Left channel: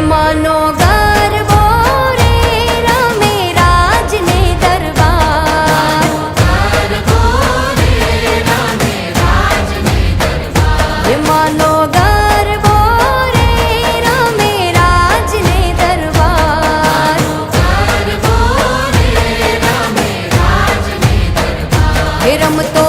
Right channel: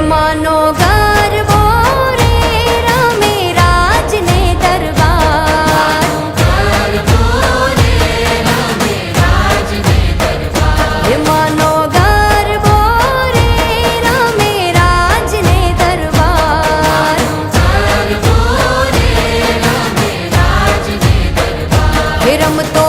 માનો ગરબો રે રમે રાજને દરબાર માનો ગરબો રે રમે રાજને દરબાર હે રમતો